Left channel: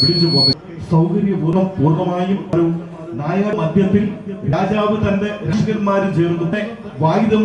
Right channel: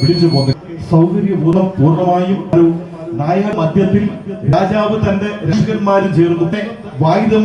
വിളിച്ചു പോകുന്നത് സൗകര്യപൂർവ്വം പൂർണ്ണമായും ഒരു നായക മധ്യത്തിൽ രാജാവ് തന്റെ രക്ഷകന്മാരും ചേർന്നു വായുധം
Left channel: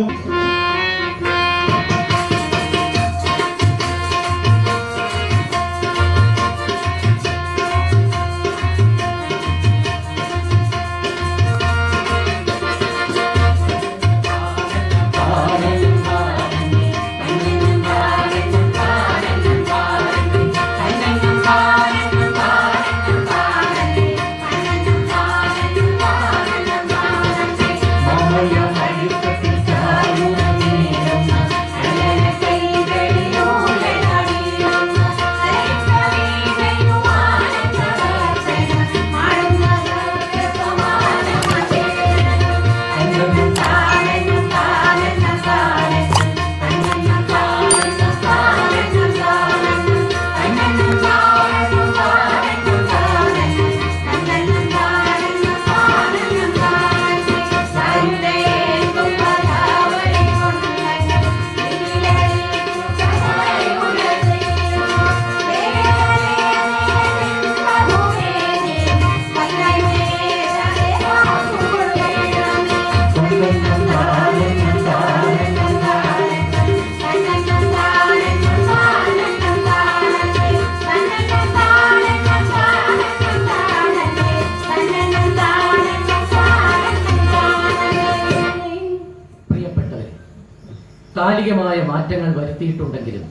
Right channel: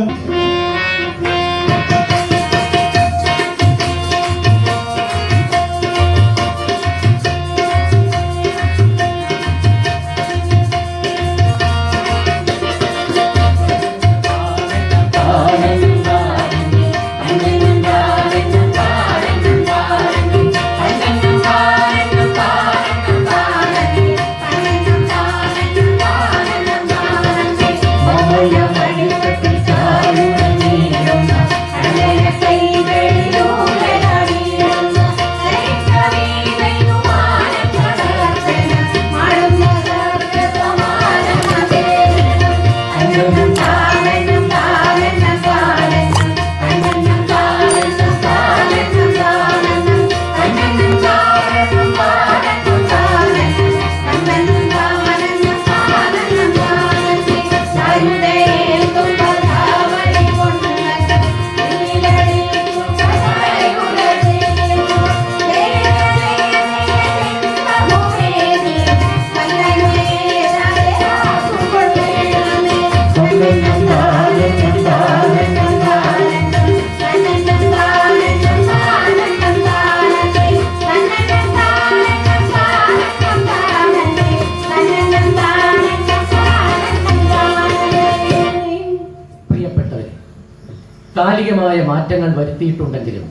കാലികമായ മാറ്റങ്ങൾ വരുത്തിയിട്ടുണ്ടെങ്കിലും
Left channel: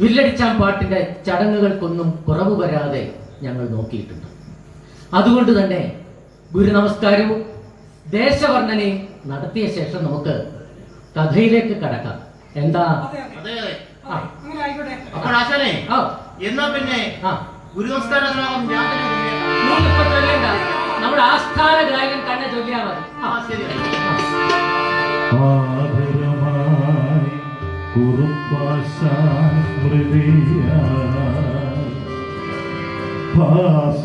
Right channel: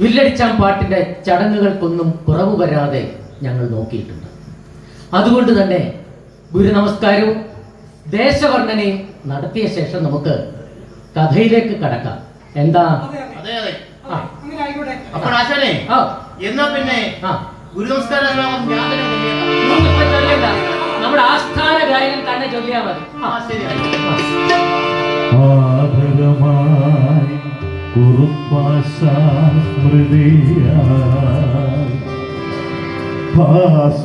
വില്ലടിച്ചാൻ പാട്ടിന്റെ ചടങ്ങുകൾക്കൊന്നും കുറവ് വരാതെ ഞങ്ങൾ നോക്കിയിട്ടുണ്ട്. അതുകൊണ്ട് തന്നെ ഗുരുനമസ്കാരവും ദേശവർണ്ണനയും നടത്തിയ ശേഷം നമുക്ക് കഥയിലേക്ക് കടക്കാം. എന്താ നമ്മുടെ ആസ്ഥാന ഗായകൻ തന്നെ ചൊല്ലിയാൽ മതി.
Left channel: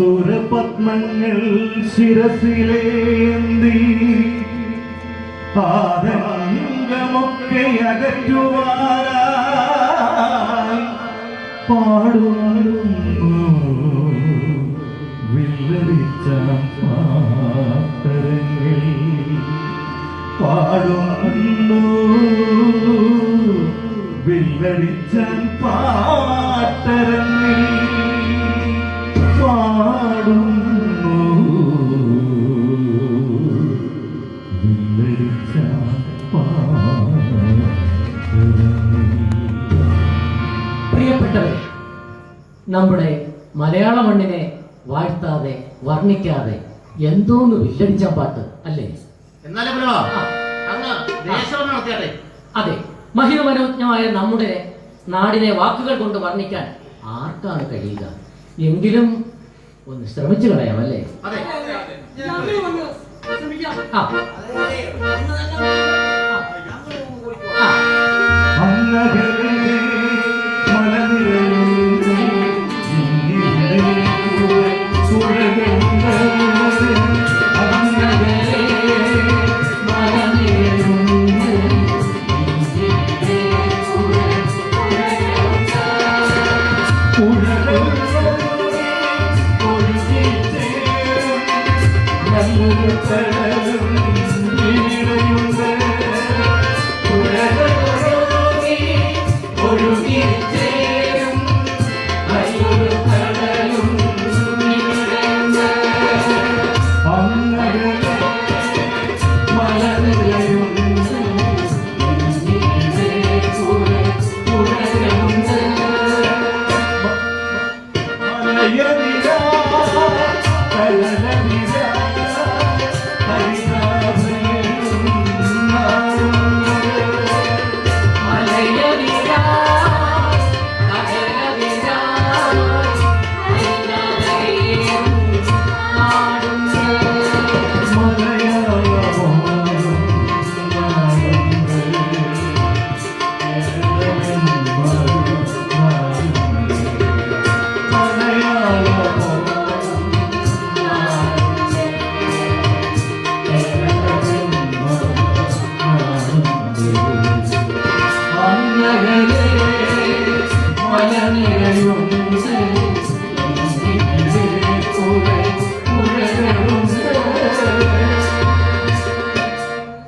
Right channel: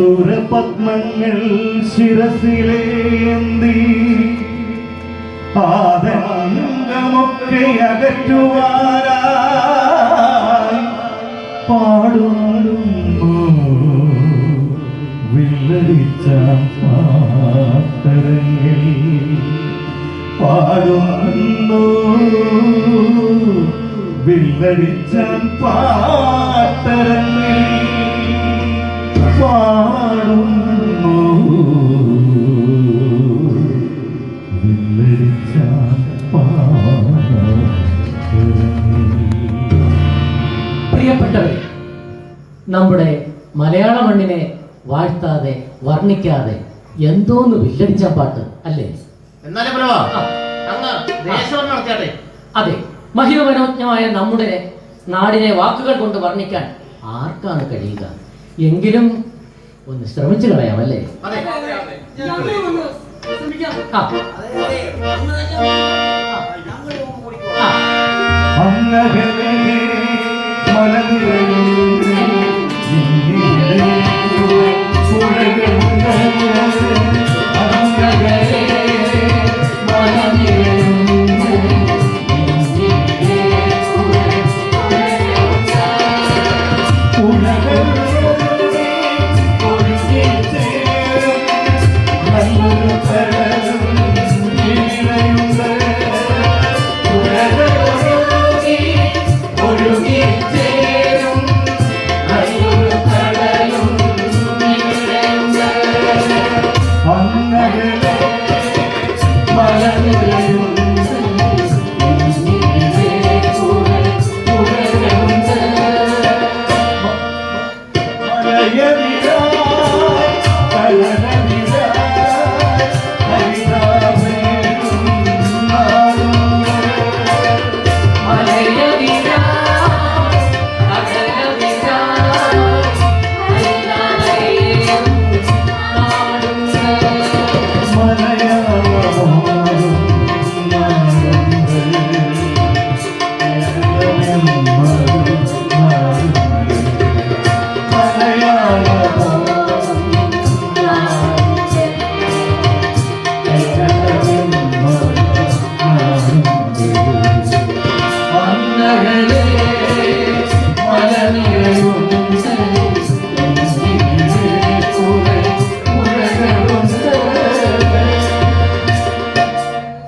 ഭാസുരപത്മങ്ങൾ ശിരസിലേന്തി ആദംഗമൊക്കെ അകറ്റുവാനായി പാടുന്നു വില്ലടിച്ച പാട്ടരങ്ങിൽ പാടുന്നു വില്ലടിച്ച പാട്ടരങ്ങിൽ പാടുന്നു വില്ലടിച്ച പ്രിയപ്പെട്ടവരെ, നമ്മുടെ മലയാള മണ്ണിനെ വാഴ്ത്താതെ വർണ്ണിക്കാതെ എന്തോന്ന് വില്ലടിച്ച പാട്ട് അല്ലേ? അതെ, മഹിമനോജ്ഞമായ നമ്മുടെ നാടിനെ വാക്കുകൾ കൊണ്ട് വർണ്ണിക്കാൻ ആർക്കാണ് കഴിയുക? എങ്കിലും ഒന്ന് ശ്രമിച്ചു കളയാമല്ലേ?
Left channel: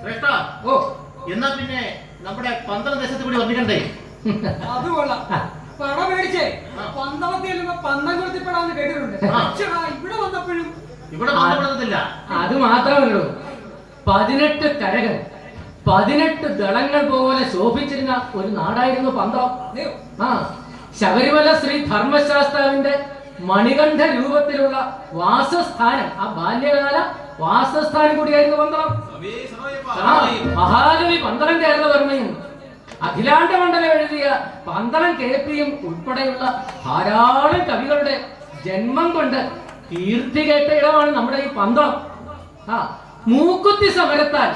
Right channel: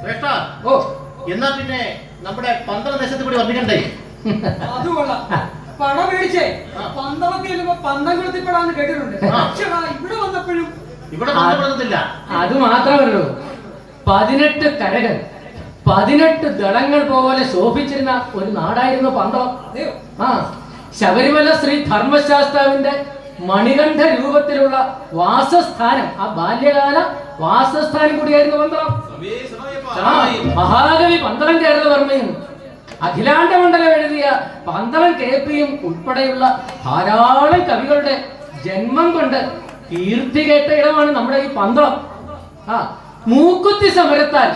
ശ്രേഷ്ഠ, ഓ എന്നാ പിന്നെ നമ്മുടെ പന്തളം ദേശത്ത് കൂടി വർണ്ണിക്കണ്ടേ? അത് കൊള്ളാം. പണം മേടിച്ചേ പന്തളത്തിൽ ചെല്ലുമ്പോ പന്തംകുളത്തിപ്പെടാന്ന് കേട്ടിട്ടുണ്ട്. പക്ഷേ ഇവിടെ വന്നപ്പോഴും ഇവിടെ പന്തളത്തില്ല. അത് മാത്രമല്ലോ, 18 കരകൾ 18 ദളങ്ങൾ പോലെ ശോഭിച്ചിരുന്ന ഒരു നാടായിരുന്നു പന്തളം. അതെയോ? ആ ശബരിമല ശ്രീ ധർമ്മശാസ്താവിന്റെ മണികണ്ഠ രൂപത്തിലുള്ള വാസസ്ഥാനം, ആ ബാല്യകാല വാസസ്ഥാനം കൂടിയായിരുന്നു പന്തളം. ആ, മഹാകവി പന്തളം കേരളവർമ്മയും അഖിലാണ്ട മണ്ഡലം എഴുതിയ പന്തളം കേപ്പിയും ഉൾപ്പെടെയുള്ള ധാരാളം കവികളുടെ ജന്മം കൊണ്ട് കീർത്തി കേട്ട ഇടമാണ് നമ്മുടെ ഈ പന്തളം. ആ മൂക്കുത്തി സമരത്താൽ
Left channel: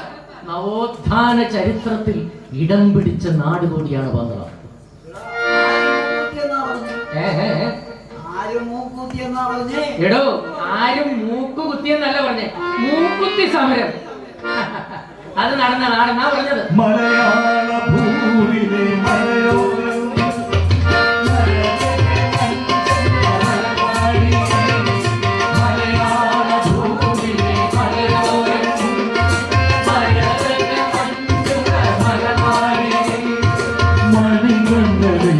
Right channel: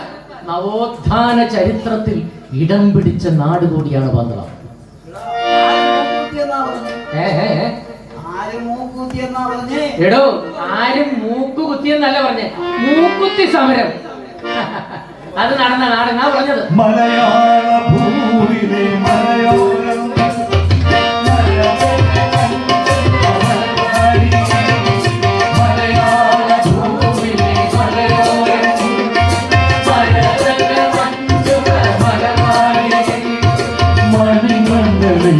നവോത്ഥാന ചരിത്രത്തിൽ ഇടം പിടിച്ച നാട് കൂടിയാണ് പന്തളം. എടോ, ആരും മൂക്ക് കുത്തിയെന്നല്ല പറഞ്ഞേ, മൂക്കുത്തി സമരം. അത് നടന്ന നാടെന്നാ പറഞ്ഞത്. മലയാള ഭൂവിലെ മലയോരം മണിമണ്ഡലം